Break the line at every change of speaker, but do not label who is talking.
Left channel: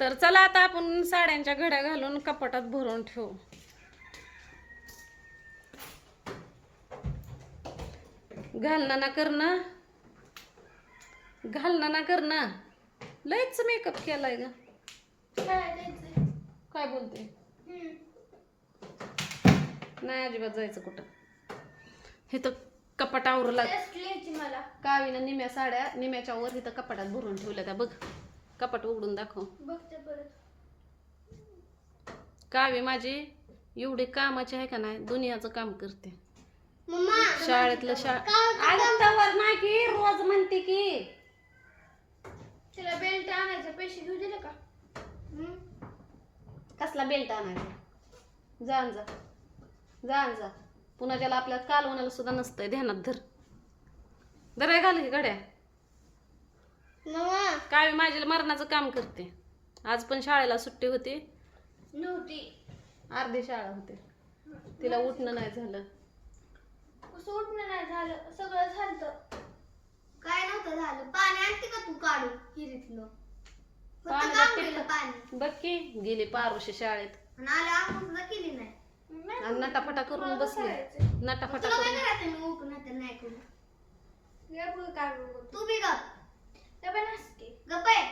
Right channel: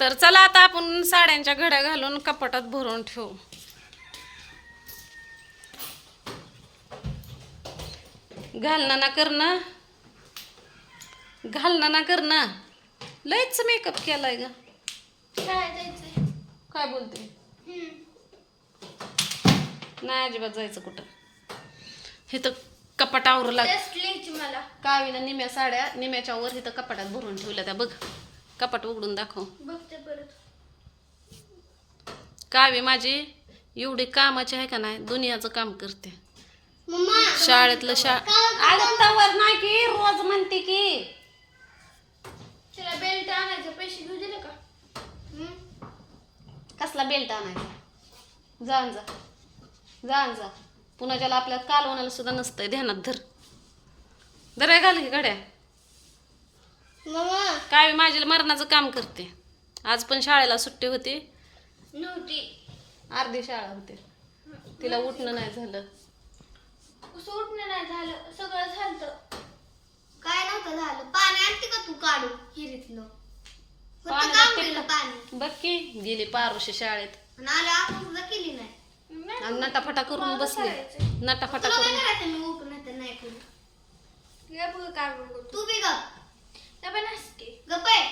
तर चला आता आपण साड्यांच्या घड्या घालून कपाटात भरून ठेवू. घालणं ना करणं. घालणं ना करणं. लयच मेकअप केलाय ग.
काय
काय बोलते. नाही अजिबात जायचं कुठं. हे तर कपाटावर लाग
मला.
कावीनं निम्या साड्या निम्याच्या वर इथं कपाटात भरून ठेवल्या त्या बघ. कपाट उघडून दाखव.
बघते परत.
कावी माझी? एवढी कामाची आहे का नाही? दुनियाचं काम करते. शाळेतलं शा अगं तवर नाही की रोज म्हणते की.
तिला बेल्ट आणायचे पैसे घेऊ दिले का.
कसला बेल्ट आणायचा? जा न जा. जा न जा. पुन्हा ज्याला आपल्या कालवणाला सुद्धा नसतंय ध्यानात धर. धर घाल की गड्या. काय माझी मरणाचं काम करते. आज पण शाळेला सुट्टी होती.
नव्हती.
अर्धी शाळा होते. तिला उठणं नाही झालं.
उठणं नाही झालं? सगळं झालं काय नव्हतं झालं? पाणी आणते का तू काढून हिरीतलं? पाणी
बघ की गेली पारुशी शाळेत.
केली नाही.
आणि नटाफटा करून बसले. नटाफटा करून
करायचं मी उठून नाही तर नाही करू
काय बघ काय बघ
तू बी गप
पण असते.
गप आहे